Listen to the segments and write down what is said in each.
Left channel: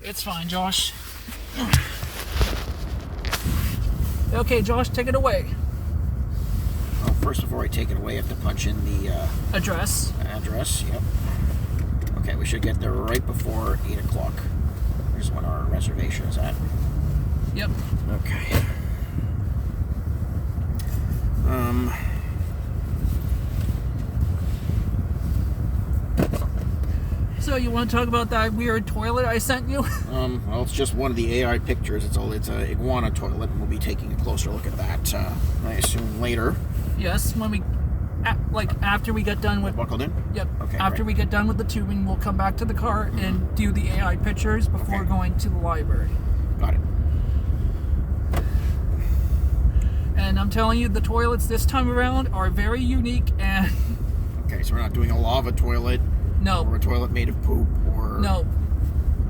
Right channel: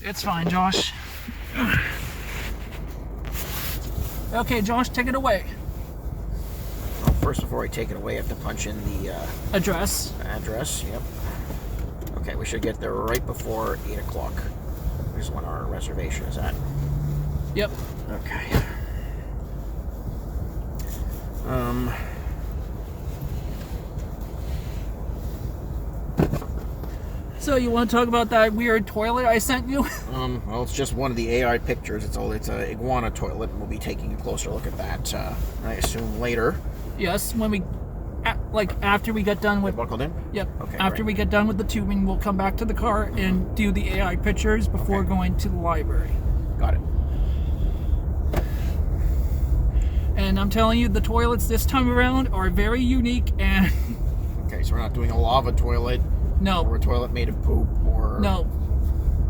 It's fine, Josh. Okay, Josh, take it away. Oh, first, before I take it away, I have to punch in the Address. address. Yep. Okay, we should get there right before 8 o'clock. Here's when our reservation is at. Yep. Okay. So you want to talk about that weird toilet I sent you? Well, it's just one of the AI pictures. It's a iguana toilet, and we'll be taking a closer look at that, I assume, later. Yes, when we, after we get done with... Buckled in? Yep. Okay, After we get done with the tubing, we'll come back to the car and do the AI pictures before going to the library. Got it. And I'm telling you, the toilets this time around are very unique and... Okay, so we're not doing a lava toilet. No. Or a toilet made of poop, or... No.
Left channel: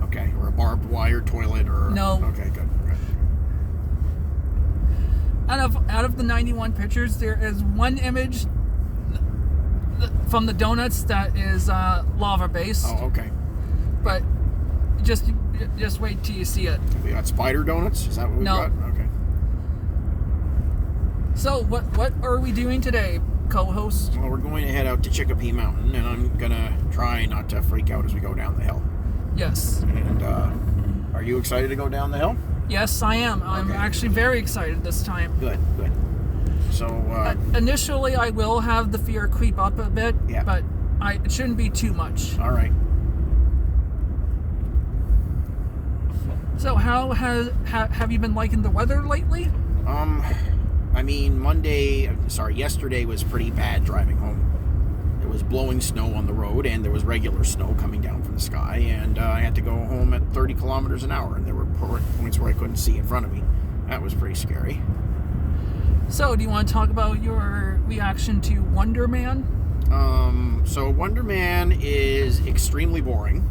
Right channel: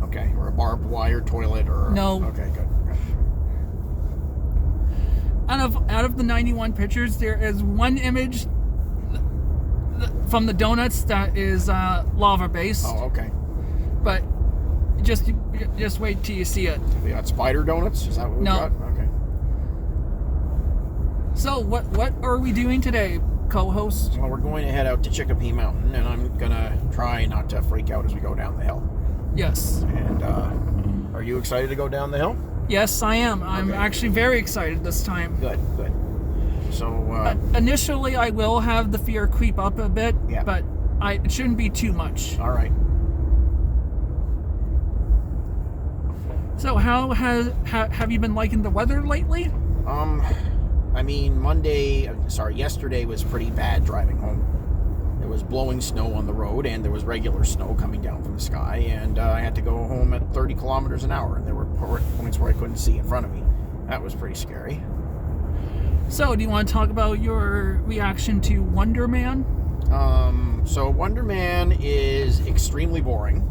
Okay, or a barbed wire toilet, or... No. Okay, good. Out of the 91 pictures, there is one image from the donuts that is lava-based. Oh, okay. But just wait till you see it. We got spider donuts? Is that what we got? Okay. So, what are we doing today, co-host? Well, we're going to head out to Chicopee Mountain, and I'm going to try not to freak out as we go down the hill. Yes. And, are you excited to go down the hill? Yes, I am. I'm actually very excited this time. Good. So, initially, I will have the fear creep up a bit, but it shouldn't be too much. All right. So, how have you been liking the weather lately? I mean, yesterday was pretty bad driving home. There was blowing snow on the road, and there was regular snow coming down from the sky, and I had to go home at 30 kilometers an hour, and there were points where I couldn't see in front of me. That was pretty scary. So, do you want to talk about your reaction to Wonder Man? So Wonder Man is extremely boring.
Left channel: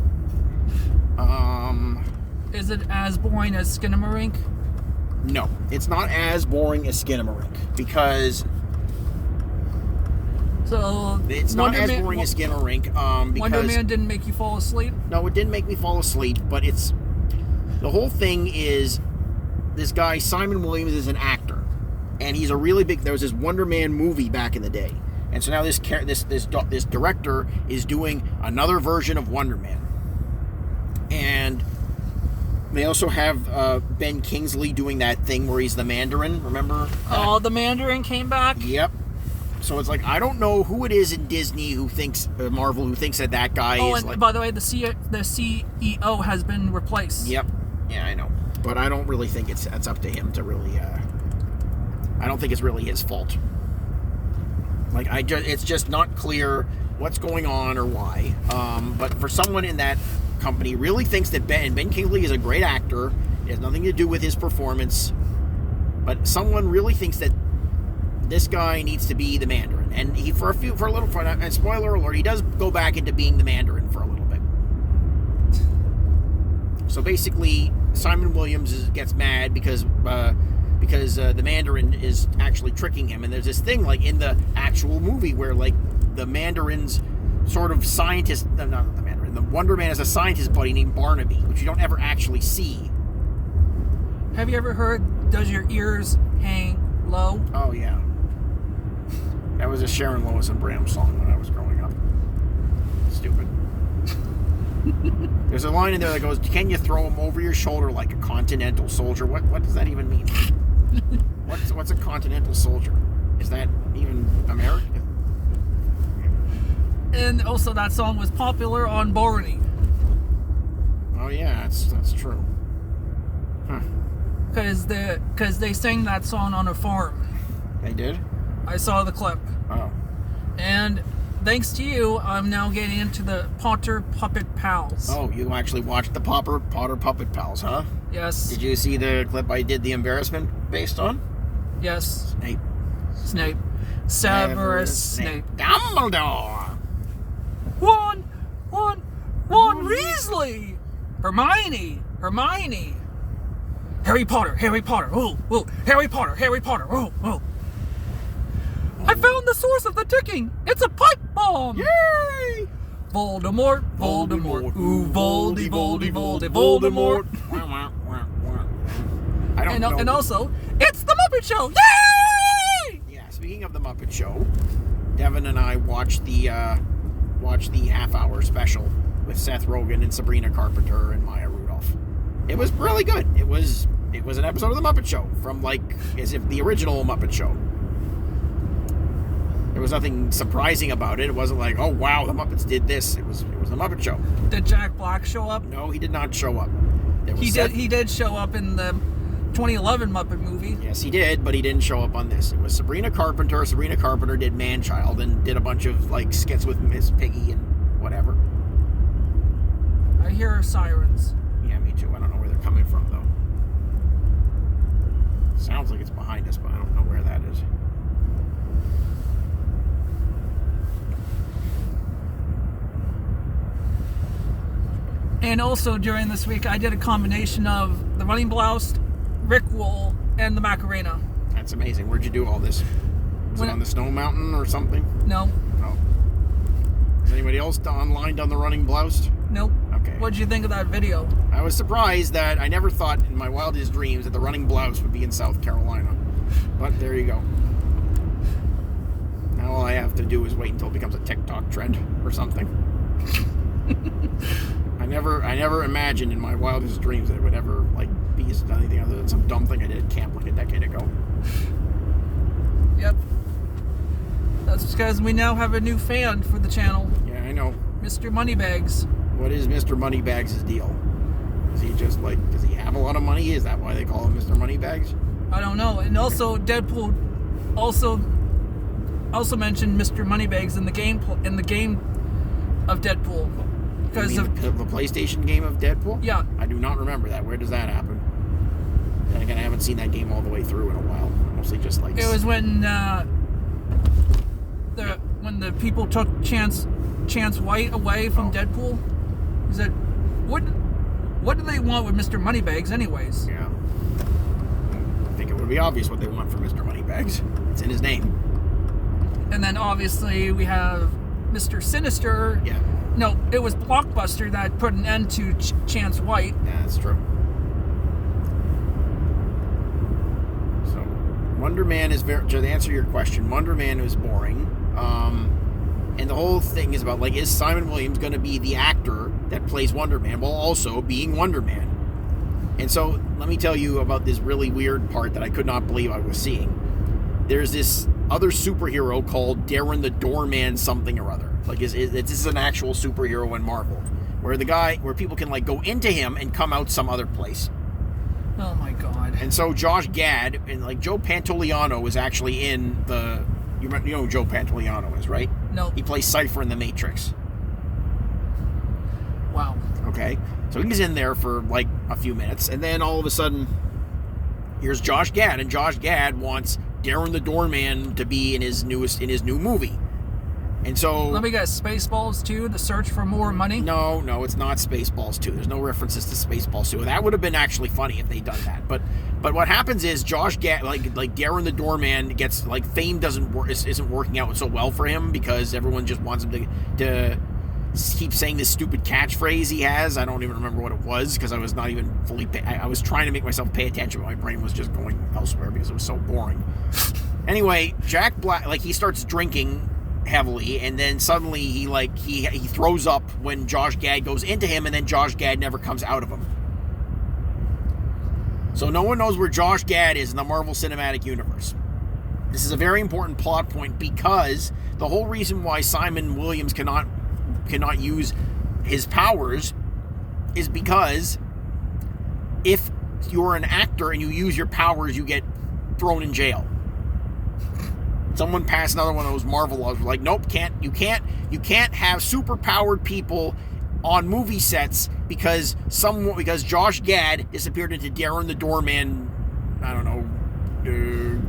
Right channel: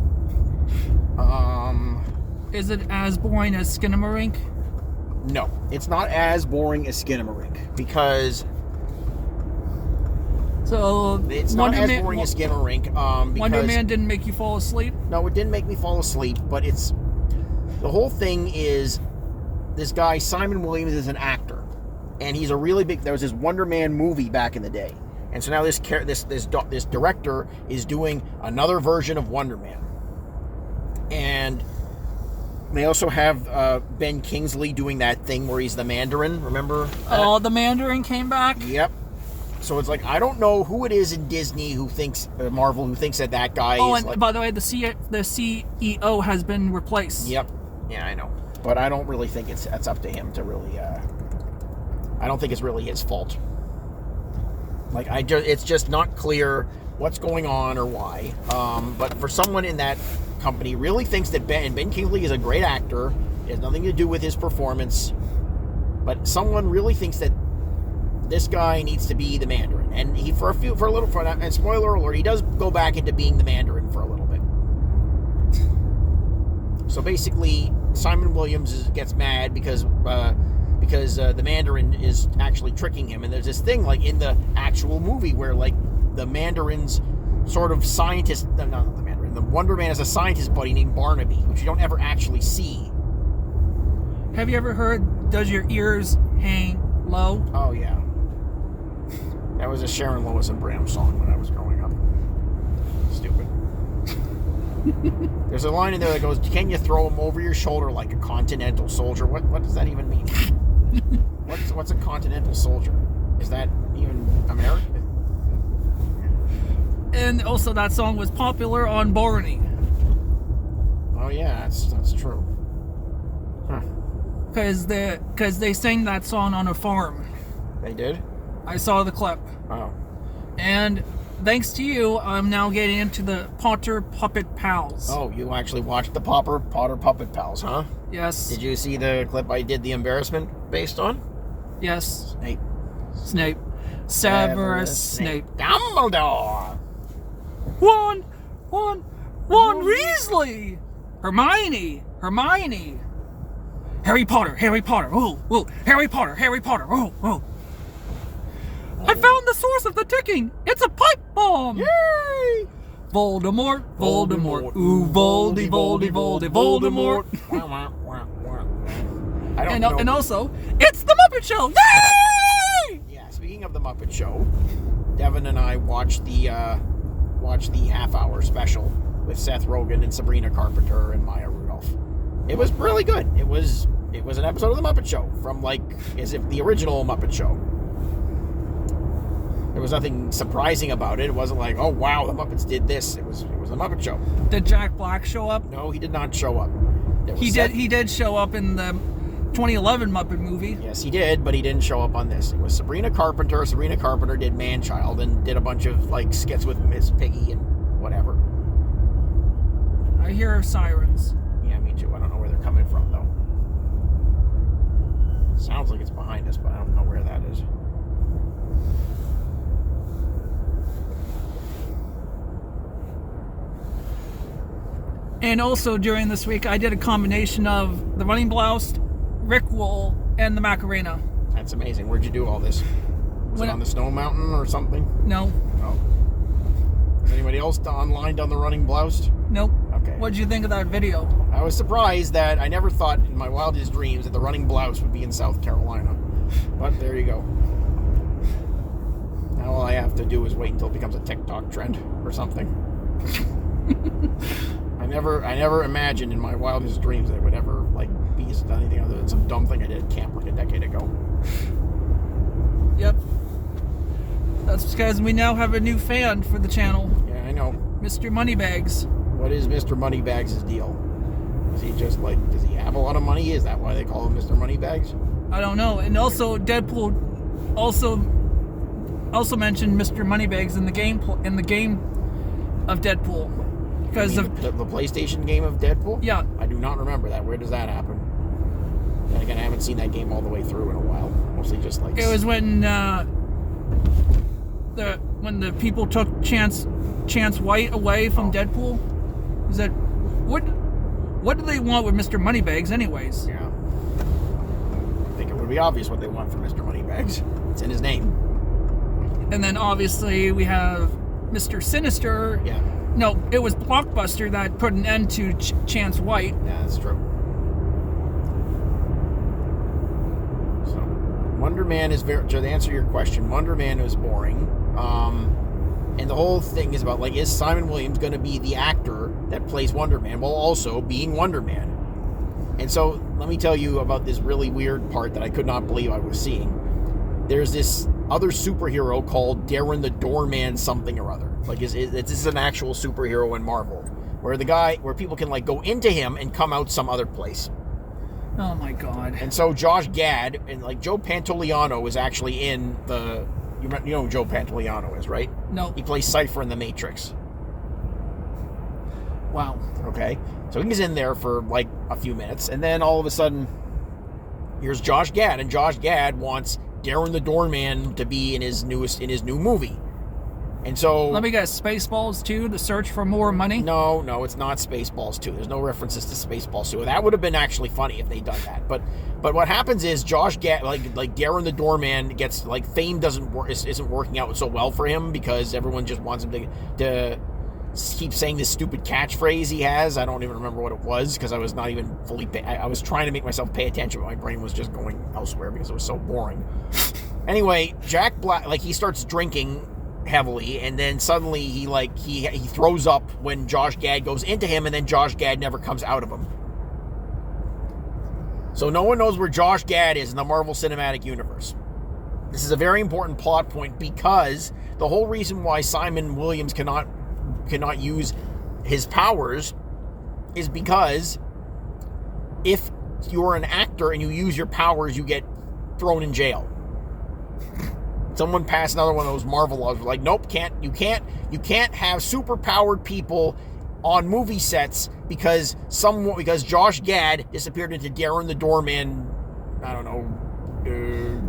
Is it as boring as Skinamarink? No, it's not as boring as Skinamarink, because... So it's not as boring as Skinamarink, because... Wonder Man didn't make you fall asleep? No, it didn't make me fall asleep, but it's... The whole thing is, this guy, Simon Williams, is an actor. And he's a really big... There was this Wonder Man movie back in the day. And so now this director is doing another version of Wonder Man. And they also have Ben Kingsley doing that thing where he's the Mandarin, remember? Oh, the Mandarin came back? Yep. So it's like, I don't know who it is in Disney who thinks, Marvel, who thinks that guy is... Oh, and like, by the way, the CEO has been replaced. Yep. Yeah, I know. But I don't really think it's up to him to really... I don't think it's really his fault. Like, it's just not clear what's going on or why. But for someone in that company really thinks that Ben Kingsley is a great actor, it has nothing to do with his performance, but someone really thinks that this guy needs to be the Mandarin. And he, for a little, and spoiler alert, he does go back into being the Mandarin for a little bit. So basically, Simon Williams gets mad because the Mandarin is actually tricking him. And there's this thing, like, in the actual movie where, like, the Mandarin's sort of scientist... No, not the Mandarin. The Wonder Man is a scientist buddy named Barnaby, which you don't ever actually see. Have you ever heard, does your ears hang low? Oh, yeah. That was a Sharon Lois and Bram song when I was growing up. Stupid. There's a line in there that goes, can you throw him over your shoulder like a continental soldier? What does that even mean? What's a continental soldier? Is that even American? And also that song was popular on Barney. Oh yeah, that's true. Huh. Because they sang that song on a farm. They did? I saw the clip. Oh. And thanks to you, I'm now getting into the Potter Puppet Pals. Oh, you actually watched the Potter Puppet Pals, huh? Yes. Did you see the clip I did the embarrassment based on? Yes. Snape. Severus Snape. Dumbledore. Ron Weasley. Hermione. Harry Potter. Oh, Harry Potter. Oh. I found the source of the ticking. It's a pipe bomb. Yay! Voldemort, Voldemort, ooh, Voldy, Voldy, Voldy, Voldemort. I don't know. And also, it's the Muppet Show! Yay! Yeah, speaking of the Muppet Show, Devin and I watched the half-hour special with Seth Rogen and Sabrina Carpenter and Maya Rudolph. It was really good. It was an episode of the Muppet Show from as if the original Muppet Show. There was nothing surprising about it. It wasn't like, oh wow, the Muppets did this. It was the Muppet Show. Did Jack Black show up? No, he did not show up. He did show up in the 2011 Muppet movie. Yes, he did, but he didn't show up on this. It was Sabrina Carpenter. Sabrina Carpenter did Man-Child and did a bunch of skits with Miss Piggy and whatever. I hear sirens. Yeah, me too. I don't know where they're coming from though. Sounds like it's behind us, but I don't know where that is. And also during this week, I did a combination of the Running Blouse, Rick Roll, and the Macarena. That's amazing. Where'd you do all this? Was it on the Snow Mountain or something? No. Oh. Has anybody else online done the Running Blouse? Nope. Okay. What did you think of that video? I was surprised that I never thought in my wildest dreams that the Running Blouse would be in South Carolina. But there you go. Now all I have to do is wait until it becomes a TikTok trend or something. I never imagined in my wildest dreams that it would ever be anything other than some dumb thing I did at camp a decade ago. Yep. That's because we now have a new fan for the channel. Yeah, I know. Mr. Moneybags. What is Mr. Moneybags' deal? Is he just does he have a lot of money? Is that why they call him Mr. Moneybags? I don't know. And also Deadpool also mentioned Mr. Moneybags in the game of Deadpool. Because of the PlayStation game of Deadpool? Yeah. I do not remember that. Where does that happen? And again, I haven't seen that game all the way through in a while. Mostly just It was when the people took Chance White away from Deadpool. Is that what do they want with Mr. Moneybags anyways? Yeah. I think it would be obvious what they want for Mr. Moneybags. It's in his name. And then obviously we have Mr. Sinister. Yeah. No, it was Blockbuster that put an end to Chance White. Yeah, that's true. So, Wonder Man is to answer your question, Wonder Man is boring. And the whole thing is about, is Simon Williams going to be the actor that plays Wonder Man while also being Wonder Man? And so, let me tell you about this really weird part that I could not believe I was seeing. There's this other superhero called Darren the Doorman something or other. This is an actual superhero in Marvel, where people can go into him and come out some other place. Oh my god! And so Josh Gad and Joe Pantoliano is actually in the. You know who Joe Pantoliano is, right? No. He plays Cypher in The Matrix. Wow. Okay, so he's in there for a few minutes, and then all of a sudden, here's Josh Gad, and Josh Gad wants Darren the Doorman to be in his new movie. And so... Let me guess, Spaceballs 2, The Search for More Money? No, it's not Spaceballs 2. There's no references to Spaceballs 2. That would have been actually funny if they'd done that. But what happens is Josh Gad, Darren the Doorman gets, fame isn't working out so well for him because everyone just wants him to keep saying this stupid catchphrase he has. I don't even remember what it was because I was not even fully... I was trying to make myself pay attention, but my brain was just going elsewhere because it was so boring. Anyway, Jack Black, he starts drinking heavily, and then suddenly he throws up when Josh Gad goes into him, and then Josh Gad never comes out of him. So no one knows where Josh Gad is in the Marvel Cinematic Universe. This is a very important plot point because the whole reason why Simon Williams cannot use his powers is because if you're an actor and you use your powers, you get thrown in jail. Someone passed another one of those Marvel laws. Nope, you can't have super powered people on movie sets because Josh Gad disappeared into Darren the Doorman, I don't know,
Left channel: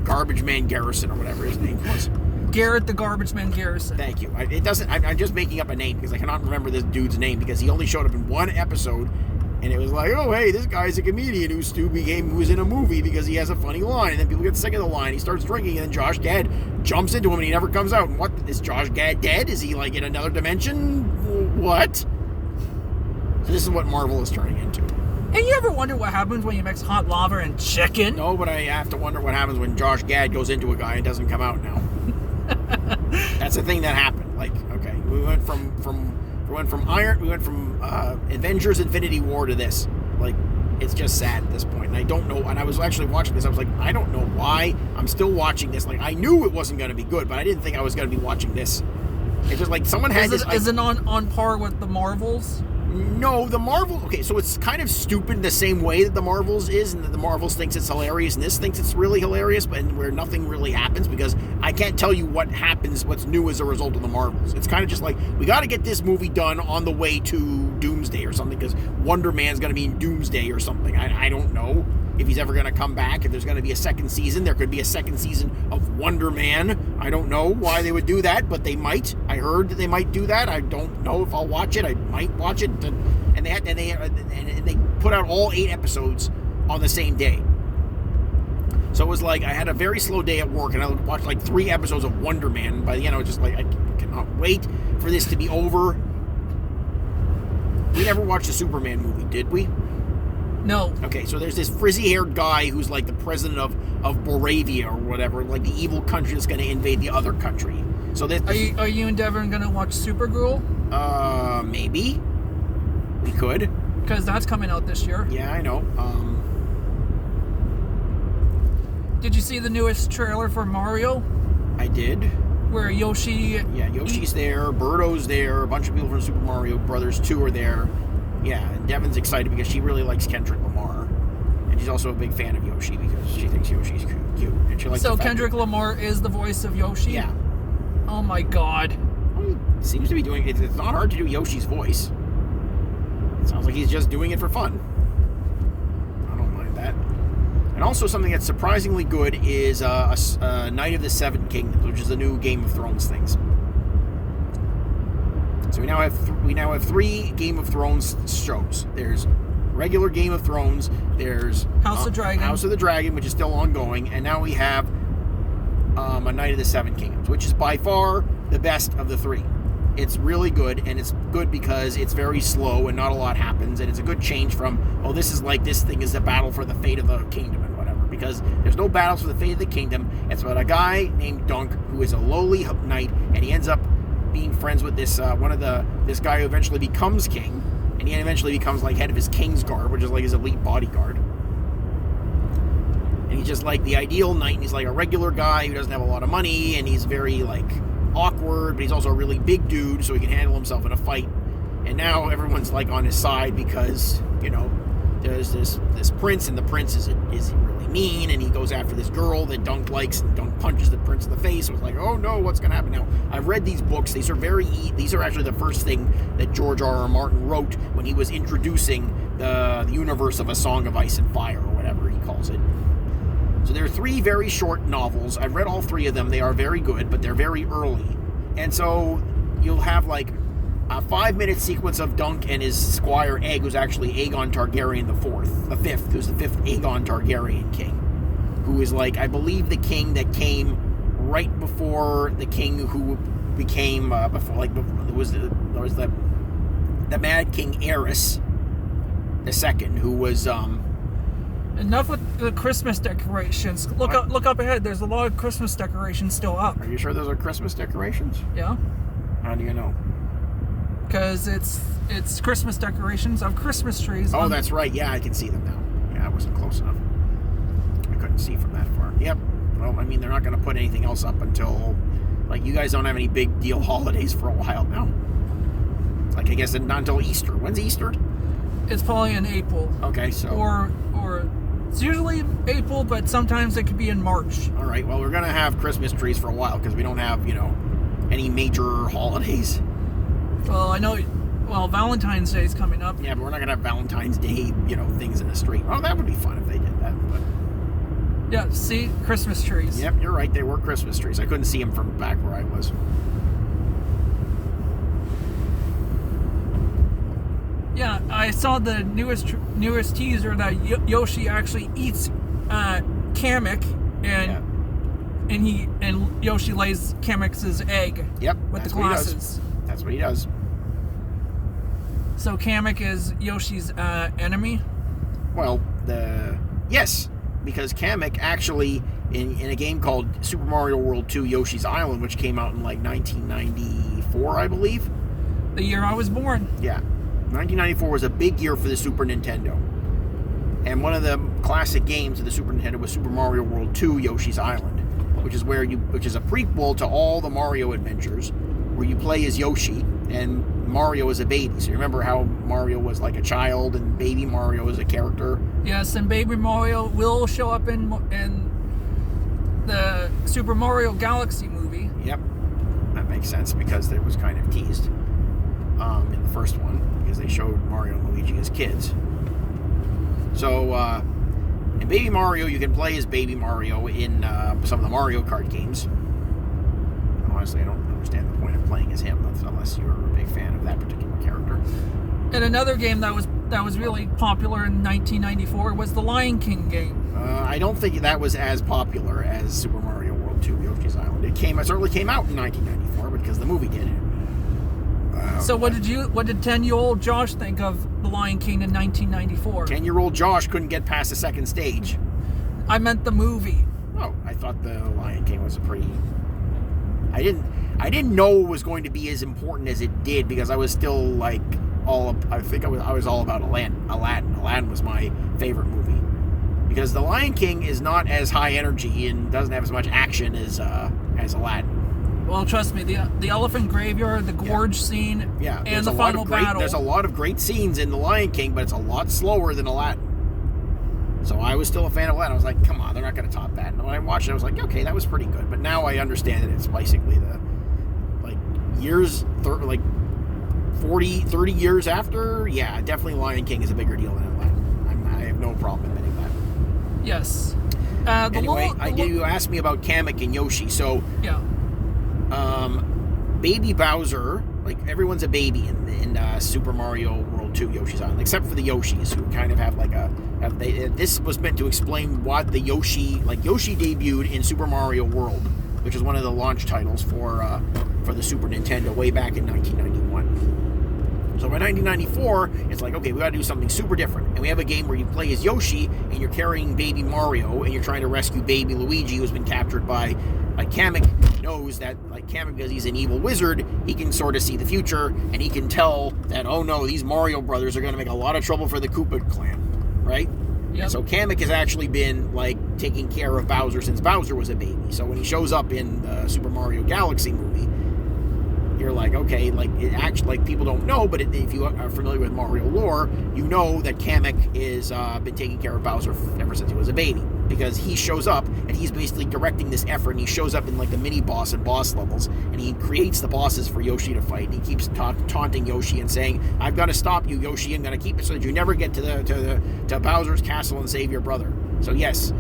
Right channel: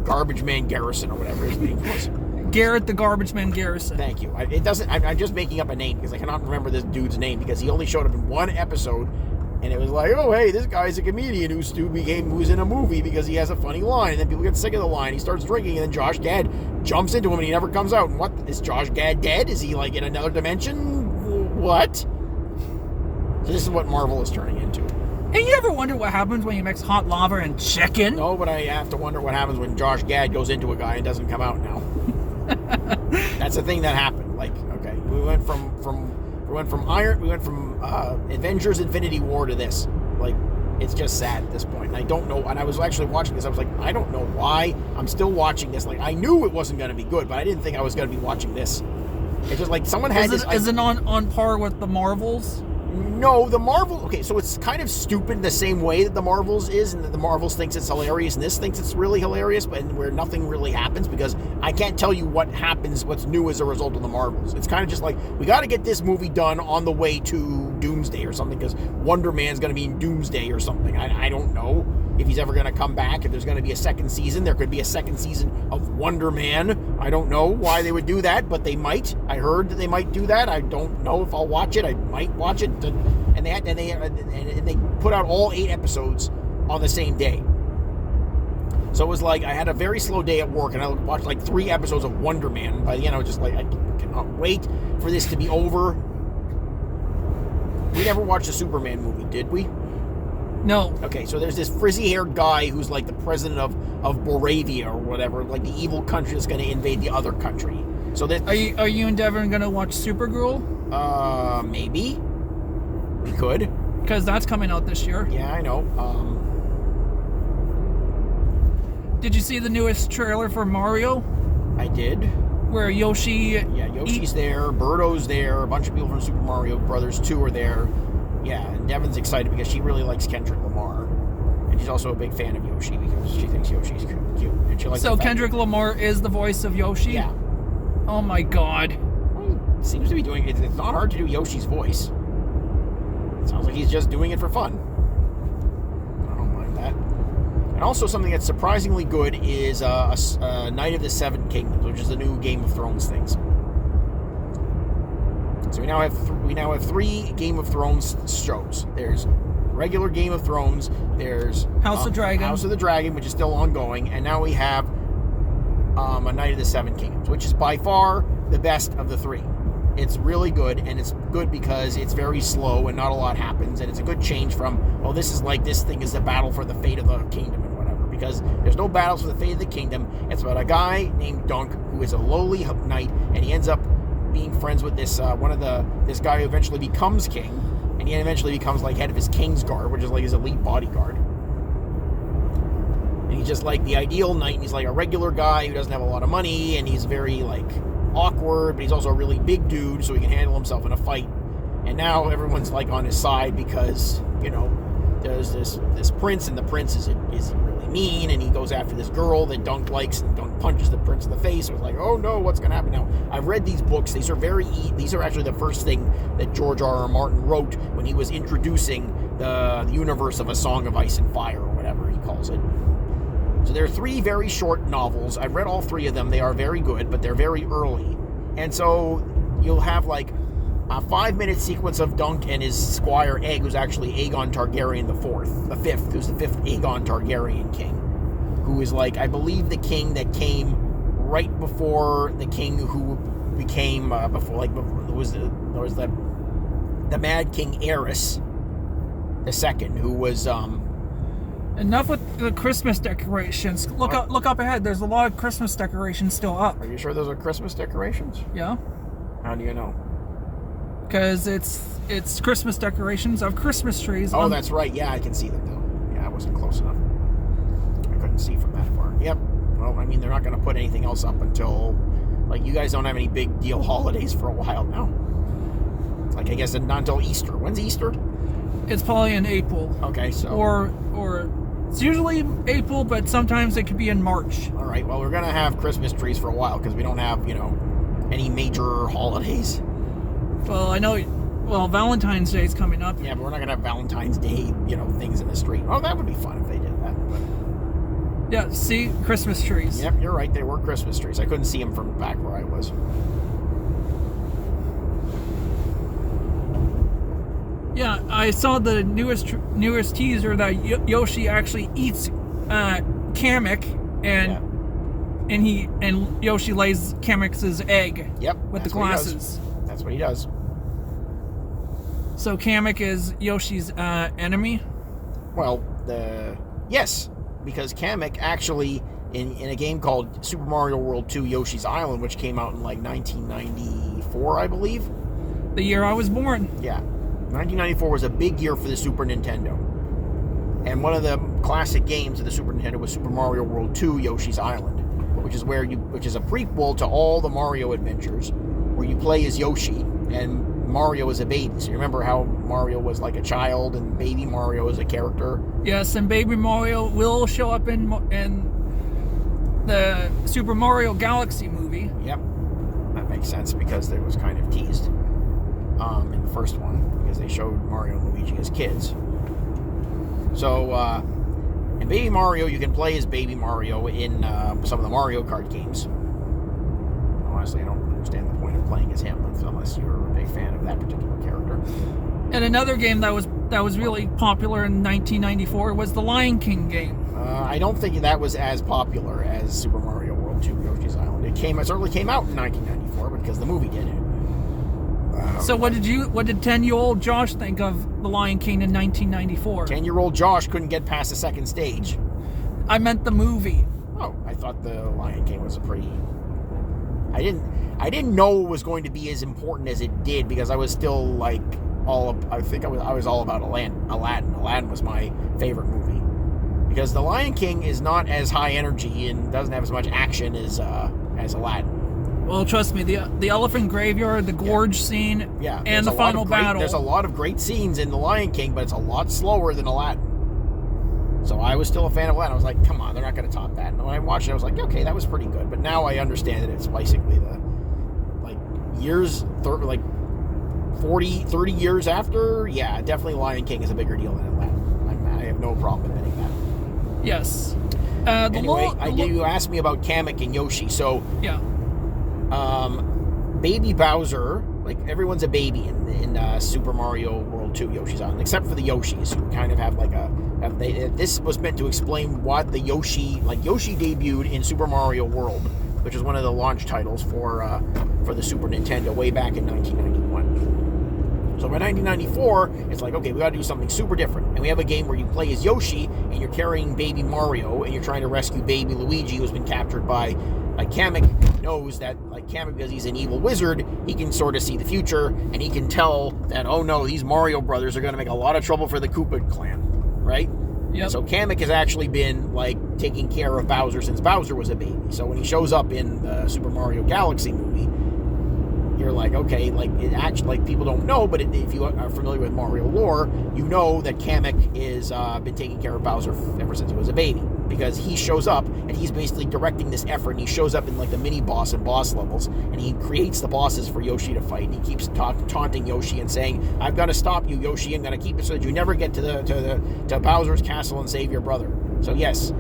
Garbage Man Garrison or whatever his name was. Garrett the Garbage Man Garrison. Thank you. I'm just making up a name because I cannot remember this dude's name because he only showed up in one episode. And it was oh, hey, this guy's a comedian who's in a movie because he has a funny line. And then people get sick of the line. He starts drinking, and then Josh Gad jumps into him, and he never comes out. And what? Is Josh Gad dead? Is he, in another dimension? What? So this is what Marvel is turning into. And you ever wonder what happens when you mix hot lava and chicken? No, but I have to wonder what happens when Josh Gad goes into a guy and doesn't come out now. That's the thing that happened. Like, okay, we went from Avengers Infinity War to this. Like, it's just sad at this point. And I don't know, and I was actually watching this, I was like, I don't know why I'm still watching this. Like, I knew it wasn't going to be good, but I didn't think I was going to be watching this. It's just like someone had this. Is it on par with the Marvels? No, the Marvel... Okay, so it's kind of stupid the same way that the Marvels is, and that the Marvels thinks it's hilarious, and this thinks it's really hilarious, but where nothing really happens, because I can't tell you what happens, what's new as a result of the Marvels. It's kind of just like, we got to get this movie done on the way to Doomsday or something, because Wonder Man's going to be in Doomsday or something. I don't know if he's ever going to come back, if there's going to be a second season. There could be a second season of Wonder Man. I don't know why they would do that, but they might. I heard that they might do that. I don't know if I'll watch it. I might watch it. And they put out all 8 episodes on the same day. So it was like I had a very slow day at work, and I watched like 3 episodes of Wonder Man. And by the end, I was just like, I cannot wait for this to be over. We never watched a Superman movie, did we? No. Okay, so there's this frizzy-haired guy who's like the president of Boravia or whatever, like the evil country that's going to invade the other country. So this, Are you and Devin going to watch Supergirl? Maybe. We could. Because that's coming out this year. Yeah, I know. Did you see the newest trailer for Mario? I did. Where Yoshi... Yeah, Yoshi's there, Birdo's there, a bunch of people from Super Mario Brothers 2 are there. Yeah, and Devin's excited because she really likes Kendrick Lamar. And she's also a big fan of Yoshi because she thinks Yoshi's cute. And she likes so Kendrick Lamar is the voice of Yoshi? Yeah. Oh my god. Well, he seems to be doing it. It's not hard to do Yoshi's voice. It sounds like he's just doing it for fun. I don't mind that. And also something that's surprisingly good is a Night of the Seven Kingdoms, which is the new Game of Thrones things. So we now have 3 Game of Thrones shows. There's regular Game of Thrones. There's House of the Dragon, which is still ongoing, and now we have a Night of the Seven Kingdoms, which is by far the best of the 3. It's really good, and it's good because it's very slow and not a lot happens, and it's a good change from, oh, this thing is a battle for the fate of the kingdom and whatever, because there's no battles for the fate of the kingdom. It's about a guy named Dunk who is a lowly knight, and he ends up being friends with this this guy who eventually becomes king, and he eventually becomes like head of his King's Guard, which is like his elite bodyguard. And he's just like the ideal knight, and he's like a regular guy who doesn't have a lot of money, and he's very like awkward, but he's also a really big dude, so he can handle himself in a fight. And now everyone's like on his side because, you know, there's this prince, and the prince is really mean, and he goes after this girl that Dunk likes, and Dunk punches the prince in the face. So it's like, oh no, what's going to happen now? I've read these books. These are actually the first thing that George R.R. Martin wrote when he was introducing the universe of A Song of Ice and Fire, or whatever he calls it. So there are 3 very short novels. I've read all 3 of them. They are very good, but they're very early. And so you'll have like a 5-minute sequence of Dunk and his squire Egg, who's actually Aegon Targaryen the 5th, who's the 5th Aegon Targaryen king, who is like, I believe, the king that came right before the king who became there was the Mad King Aerys II, who was Enough with the Christmas decorations. Look up ahead. There's a lot of Christmas decorations still up. Are you sure those are Christmas decorations? Yeah. How do you know? Because it's Christmas decorations of Christmas trees. Oh, that's right. Yeah, I can see them now. Yeah, I wasn't close enough. I couldn't see from that far. Yep. Well, I mean, they're not going to put anything else up until, like, you guys don't have any big deal holidays for a while now. Like, I guess not until Easter. When's Easter? It's probably in April. Okay, so... Or it's usually April, but sometimes it could be in March. All right, well, we're going to have Christmas trees for a while because we don't have, any major holidays. Well, I know... Well, Valentine's Day is coming up. Yeah, but we're not going to have Valentine's Day, things in the street. Well, that would be fun if they did that. But... Yeah, see? Christmas trees. Yep, you're right. They were Christmas trees. I couldn't see them from back where I was. Yeah, I saw the newest teaser that Yoshi actually eats Kamek, and Yoshi lays Kamek's egg. Yep, with the glasses. That's what he does. So Kamek is Yoshi's enemy? Well, yes, because Kamek actually, in a game called Super Mario World 2 Yoshi's Island, which came out in like 1994, I believe. The year I was born. Yeah. 1994 was a big year for the Super Nintendo. And one of the classic games of the Super Nintendo was Super Mario World 2 Yoshi's Island, which is a prequel to all the Mario adventures, where you play as Yoshi and Mario is a baby. So you remember how Mario was like a child and baby Mario is a character? Yes, and baby Mario will show up in the Super Mario Galaxy movie. Yep. That makes sense because it was kind of teased in the first one because they showed Mario and Luigi as kids. So in Baby Mario, you can play as Baby Mario in some of the Mario Kart games. Honestly, I don't understand the point of playing as him unless you're a big fan of that particular character. And another game that was really popular in 1994 was the Lion King game. I don't think that was as popular as Super Mario World 2 Yoshi's Island. It certainly came out in 1994 because the movie did. So what did 10-year-old Josh think of the Lion King in 1994? 10-year-old Josh couldn't get past the second stage. I meant the movie. Oh, I thought the Lion King was a pretty... I didn't know it was going to be as important as it did because I was still like I was all about Aladdin. Aladdin was my favorite movie because the Lion King is not as high energy and doesn't have as much action as Aladdin. Well, trust me, the elephant graveyard, the gorge scene, and the final battle. There's a lot of great scenes in the Lion King, but it's a lot slower than Aladdin. So I was still a fan of Aladdin. I was like, come on, they're not going to top that. And when I watched it, I was like, okay, that was pretty good. But now I understand that it's basically 30 years after. Yeah, definitely Lion King is a bigger deal than Aladdin. I have no problem admitting that. Yes. You asked me about Kamek and Yoshi. So yeah. Baby Bowser, like everyone's a baby in Super Mario World 2 Yoshi's Island, except for the Yoshis, who kind of have like this was meant to explain what the Yoshi debuted in Super Mario World, which was one of the launch titles for the Super Nintendo way back in 1991. So by 1994, it's like, okay, we got to do something super different, and we have a game where you play as Yoshi and you're carrying baby Mario and you're trying to rescue baby Luigi, who's been captured by Kamek. Knows that Kamek, because he's an evil wizard, he can sort of see the future, and he can tell that, oh no, these Mario brothers are going to make a lot of trouble for the Koopa clan, right? Yep. So Kamek has actually been taking care of Bowser since Bowser was a baby. So when he shows up in the Super Mario Galaxy movie, you're like, okay, it actually, people don't know, but if you are familiar with Mario lore, you know that Kamek is been taking care of Bowser ever since he was a baby, because he shows up and he's basically directing this effort, and he shows up in the mini boss and boss levels, and he creates the bosses for Yoshi to fight, and he keeps taunting Yoshi and saying, I've got to stop you, Yoshi, I'm going to keep it so that you never get to Bowser's castle and save your brother. So yes,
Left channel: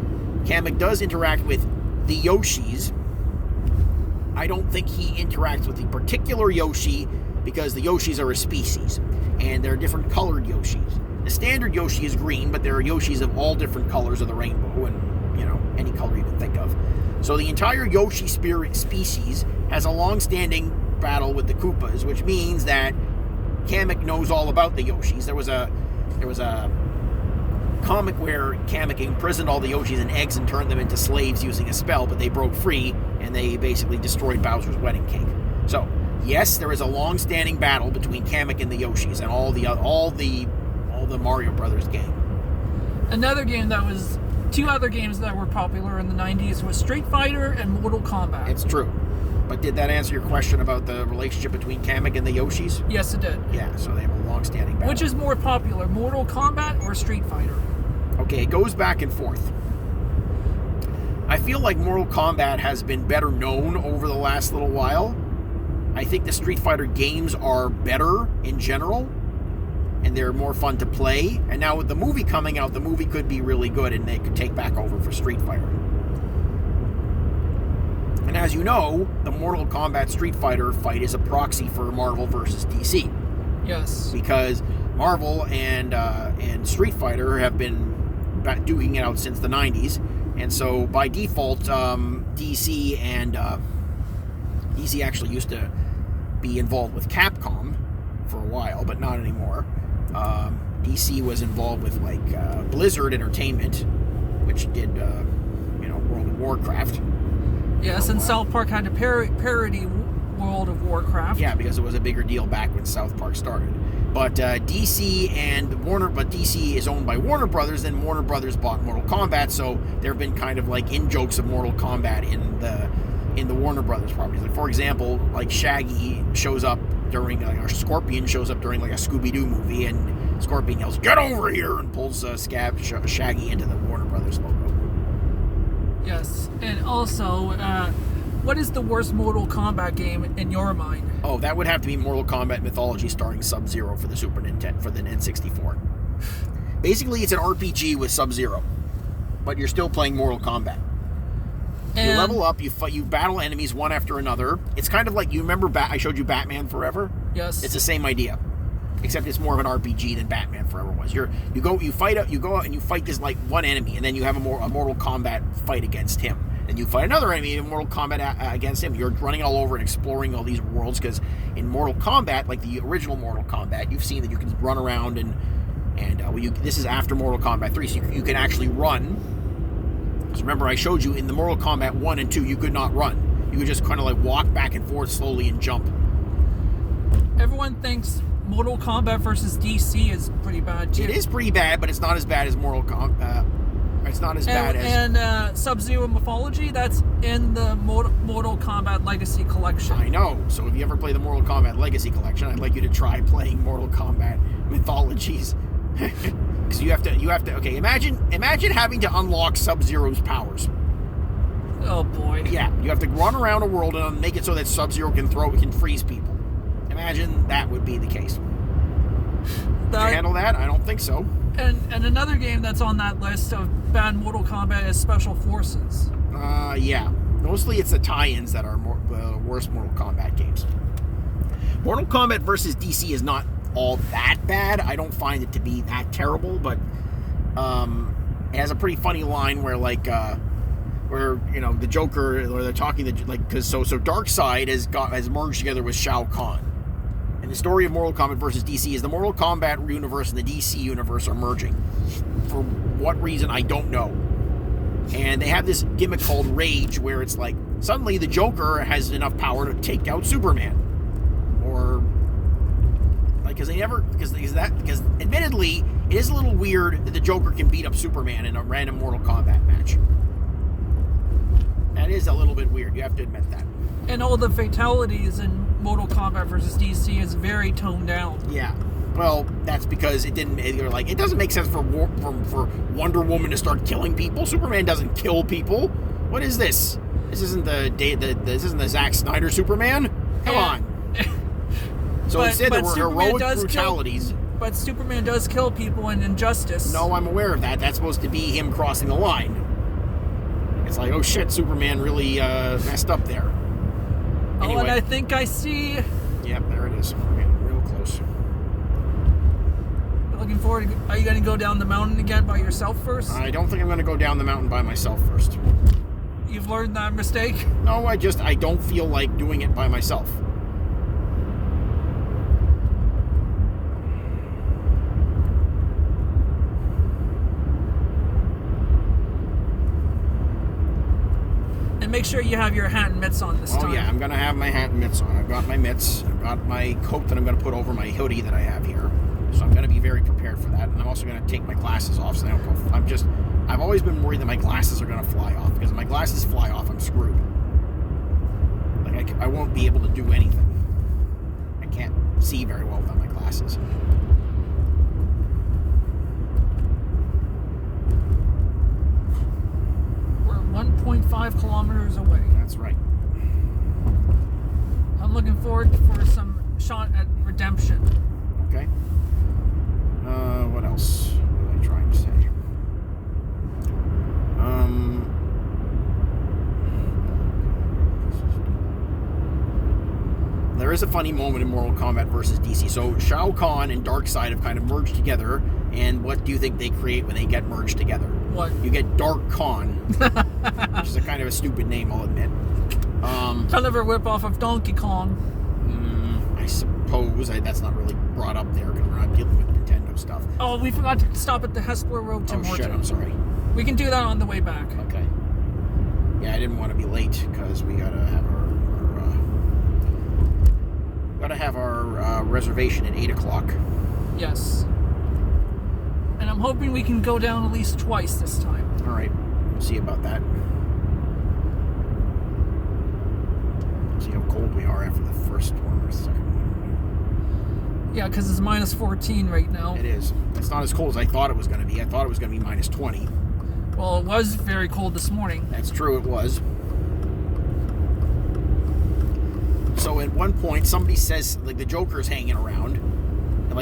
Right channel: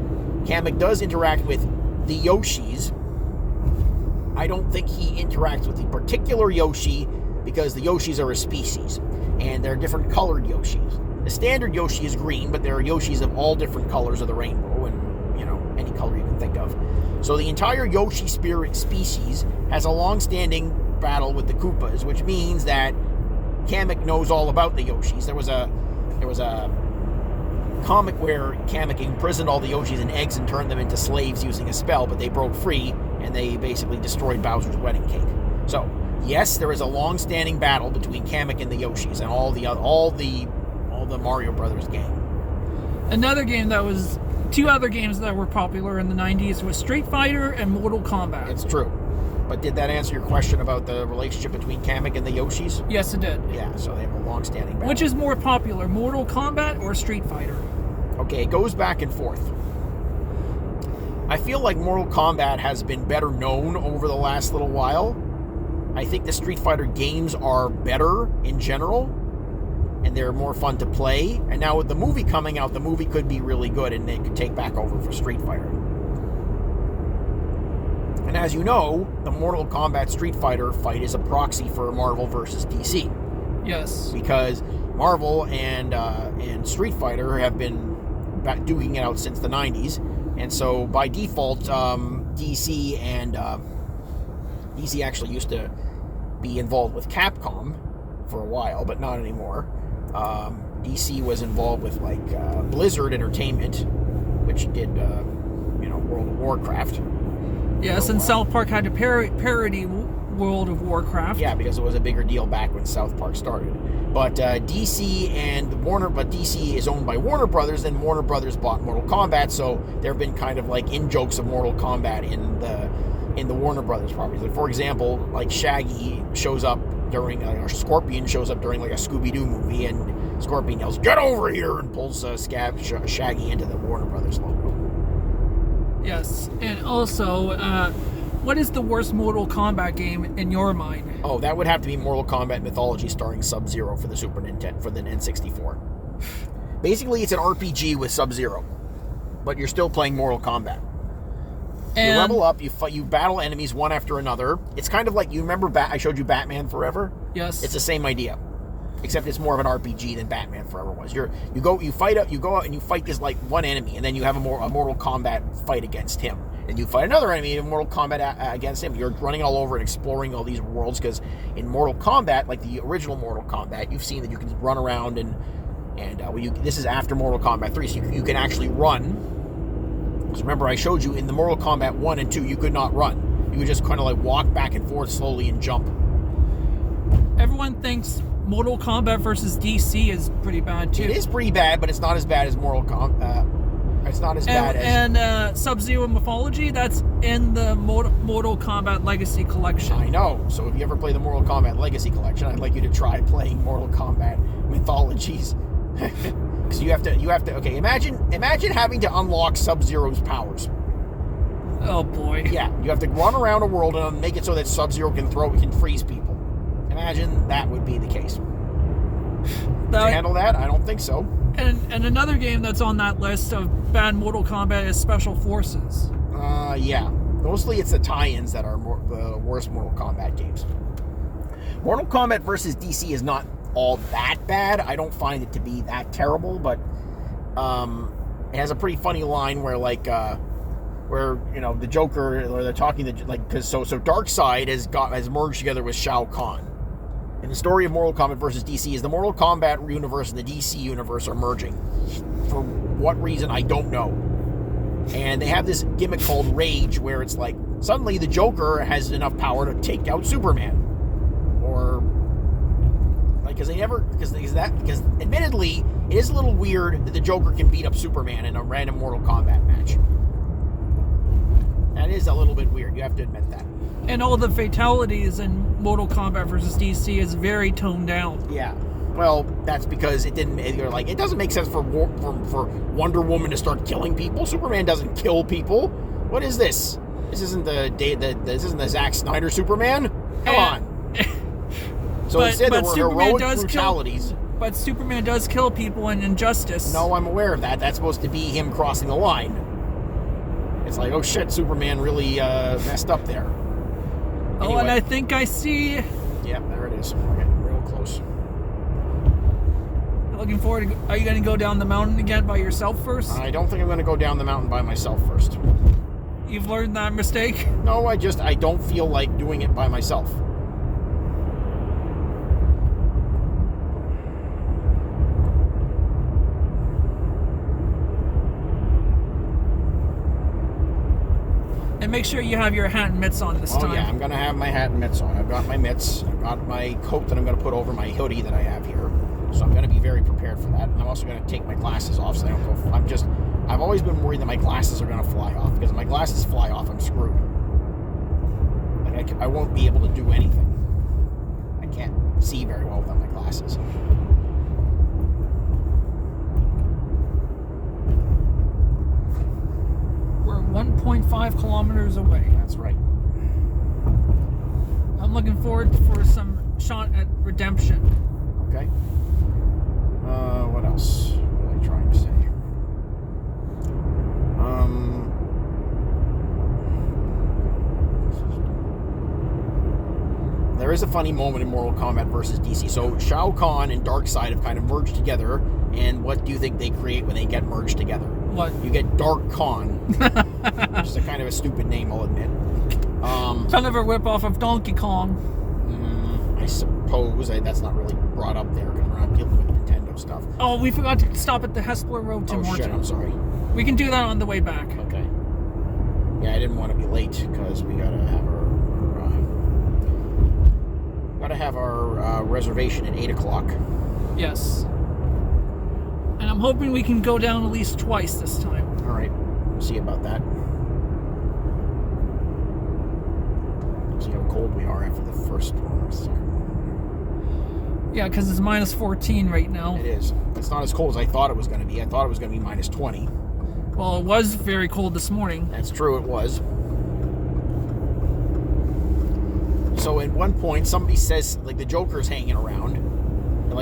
Kamek does interact with the Yoshis. I don't think he interacts with the particular Yoshi because the Yoshis are a species, and they're different colored Yoshis. The standard Yoshi is green, but there are Yoshis of all different colors of the rainbow, and any color you can think of. So the entire Yoshi spirit species has a long-standing battle with the Koopas, which means that Kamek knows all about the Yoshis. There was a comic where Kamek imprisoned all the Yoshis in eggs and turned them into slaves using a spell, but they broke free and they basically destroyed Bowser's wedding cake. So yes, there is a long-standing battle between Kamek and the Yoshis and all the Mario Brothers game. Two other games that were popular in the 90s was Street Fighter and Mortal Kombat. It's true. But did that answer your question about the relationship between Kamek and the Yoshis? Yes, it did. Yeah, so they have a long-standing battle. Which is more popular, Mortal Kombat or Street Fighter? Okay, it goes back and forth. I feel like Mortal Kombat has been better known over the last little while. I think the Street Fighter games are better in general, and they're more fun to play. And now with the movie coming out, the movie could be really good, and they could take back over for Street Fighter. And as you know, the Mortal Kombat Street Fighter fight is a proxy for Marvel versus DC. Yes. Because Marvel and Street Fighter have been duking it out since the 90s. And so by default, DC actually used to be involved with Capcom for a while, but not anymore. DC was involved with like Blizzard Entertainment, which did World of Warcraft. Yes, and South Park had to parody World of Warcraft. Yeah, because it was a bigger deal back when South Park started. But DC is owned by Warner Brothers, and Warner Brothers bought Mortal Kombat, so there have been kind of like in-jokes of Mortal Kombat in the Warner Brothers properties. Like, for example, like Shaggy shows up during, or Scorpion shows up during like a Scooby-Doo movie, and Scorpion yells, "Get over here!" and pulls Shaggy into the Warner Brothers logo. Yes, and also, what is the worst Mortal Kombat game in your mind? Oh, that would have to be Mortal Kombat Mythology starring Sub-Zero for the Super Nintendo, for the N64. Basically, it's an RPG with Sub-Zero, but you're still playing Mortal Kombat. And you level up, you battle enemies one after another. It's kind of like, you remember I showed you Batman Forever? Yes. It's the same idea, except it's more of an RPG than Batman Forever was. You go out and you fight this like one enemy, and then you have a Mortal Kombat fight against him. And you fight another enemy in Mortal Kombat against him. You're running all over and exploring all these worlds, because in Mortal Kombat, like the original Mortal Kombat, you've seen that you can run around and this is after Mortal Kombat 3, so you can actually run. So remember, I showed you in the Mortal Kombat 1 and 2, you could not run. You could just kind of like walk back and forth slowly and jump. Everyone thinks Mortal Kombat versus DC is pretty bad too. It is pretty bad, but it's not as bad as Mortal Kombat. It's not as bad as... And Sub-Zero Mythology, that's in the Mortal Kombat Legacy Collection. I know. So if you ever play the Mortal Kombat Legacy Collection, I'd like you to try playing Mortal Kombat Mythologies. Because you have to... Okay, imagine having to unlock Sub-Zero's powers. Oh, boy. Yeah, you have to run around a world and make it so that Sub-Zero can freeze people. Imagine that would be the case. Did you handle that? I don't think so. And another game that's on that list of bad Mortal Kombat is Special Forces. Yeah. Mostly it's the tie-ins that are the worst Mortal Kombat games. Mortal Kombat versus DC is not all that bad. I don't find it to be that terrible, but it has a pretty funny line where the Joker, or they're talking because Darkseid has merged together with Shao Kahn. And the story of Mortal Kombat versus DC is the Mortal Kombat universe and the DC universe are merging. For what reason, I don't know. And they have this gimmick called Rage, where it's like, suddenly the Joker has enough power to take out Superman. Or, like, because admittedly, it is a little weird that the Joker can beat up Superman in a random Mortal Kombat match. That is a little bit weird, you have to admit that. And all the fatalities in Mortal Kombat versus DC is very toned down. Yeah. Well, that's because it doesn't make sense for Wonder Woman to start killing people. Superman doesn't kill people. What is this? This isn't the Zack Snyder Superman? Come on. So instead there were heroic brutalities. But Superman does kill people in Injustice. No, I'm aware of that. That's supposed to be him crossing the line. It's like, oh shit, Superman really messed up there. Anyway. Oh, and I think I see... Yep, there it is. We're getting real close. Looking forward to... Are you going to go down the mountain again by yourself first? I don't think I'm going to go down the mountain by myself first. You've learned that mistake? No, I don't feel like doing it by myself. And make sure you have your hat and mitts on this time. Oh yeah, I'm going to have my hat and mitts on. I've got my mitts. I've got my coat that I'm going to put over my hoodie that I have here. So I'm going to be very prepared for that. And I'm also going to take my glasses off so they don't go... I've always been worried that my glasses are going to fly off. Because if my glasses fly off, I'm screwed. Like, I won't be able to do anything. I can't see very well without my glasses. We're 1.5 kilometers away. That's right. I'm looking forward for some shot at redemption. Okay. What else? What am I trying to say? There is a funny moment in Mortal Kombat versus DC. So Shao Kahn and Darkseid have kind of merged together, and what do you think they create when they get merged together? What? You get Dark Khan, which is a kind of a stupid name, I'll admit. Kind of a ripoff of Donkey Kong. suppose that's not really brought up there because we're not dealing with Nintendo stuff. Oh, we forgot to stop at the Hespler Road to Morton. Shit, I'm sorry. We can do that on the way back. Okay. Yeah, I didn't want to be late because we gotta have our reservation at 8 o'clock. Yes. And I'm hoping we can go down at least twice this time. All right, we'll see about that. See how cold we are after the first one or second one. Yeah, because it's minus 14 right now. It is. It's not as cold as I thought it was going to be. I thought it was going to be minus 20. Well, it was very cold this morning. That's true, it was. So at one point, somebody says, like, the Joker's hanging around. And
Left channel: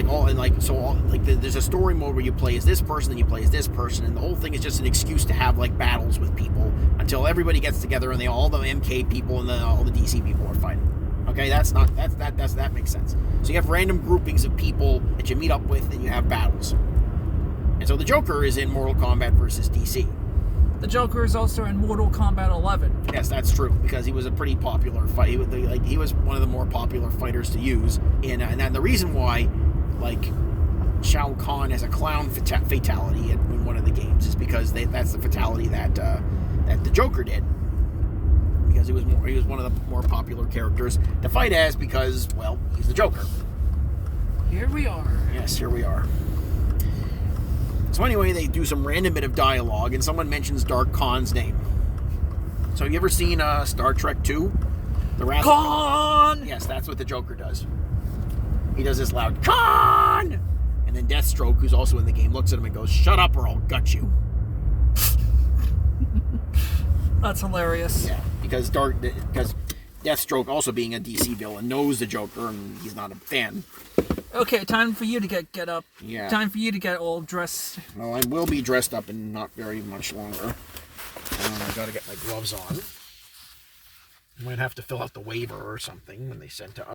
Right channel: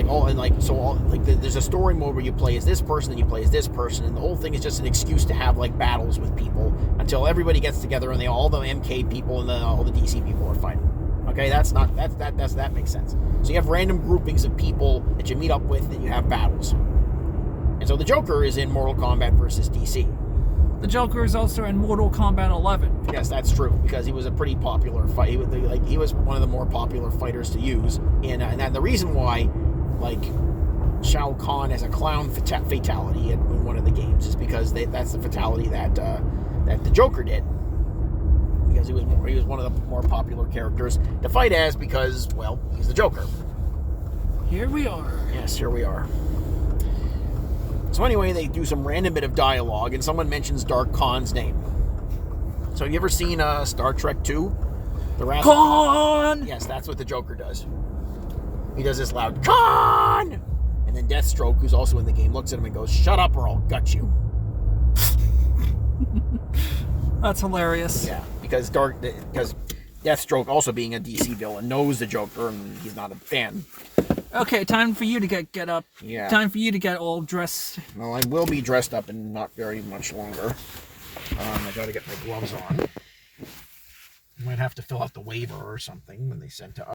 there's a story mode where you play as this person and you play as this person, and the whole thing is just an excuse to have, like, battles with people until everybody gets together and all the MK people and all the DC people are fighting. Okay, that makes sense. So you have random groupings of people that you meet up with and you have battles. And so the Joker is in Mortal Kombat versus DC. The Joker is also in Mortal Kombat 11. Yes, that's true, because he was a pretty popular fight. He was one of the more popular fighters to use, and the reason why, like, Shao Kahn has a clown fatality in one of the games is because that's the fatality that the Joker did, because he was one of the more popular characters to fight as because, well, he's the Joker. Here we are. Yes, here we are. So anyway, they do some random bit of dialogue, and someone mentions Dark Khan's name. So have you ever seen Star Trek II? The Wrath Khan! Yes, that's what the Joker does. He does this loud, Khan! And then Deathstroke, who's also in the game, looks at him and goes, shut up or I'll gut you. That's hilarious. Yeah, because Deathstroke, also being a DC villain, knows the Joker, and he's not a fan. Okay, time for you to get up. Yeah. Time for you to get all dressed. Well, I will be dressed up in not very much longer. I gotta get my gloves on. I might have to fill out the waiver or something when they send to us.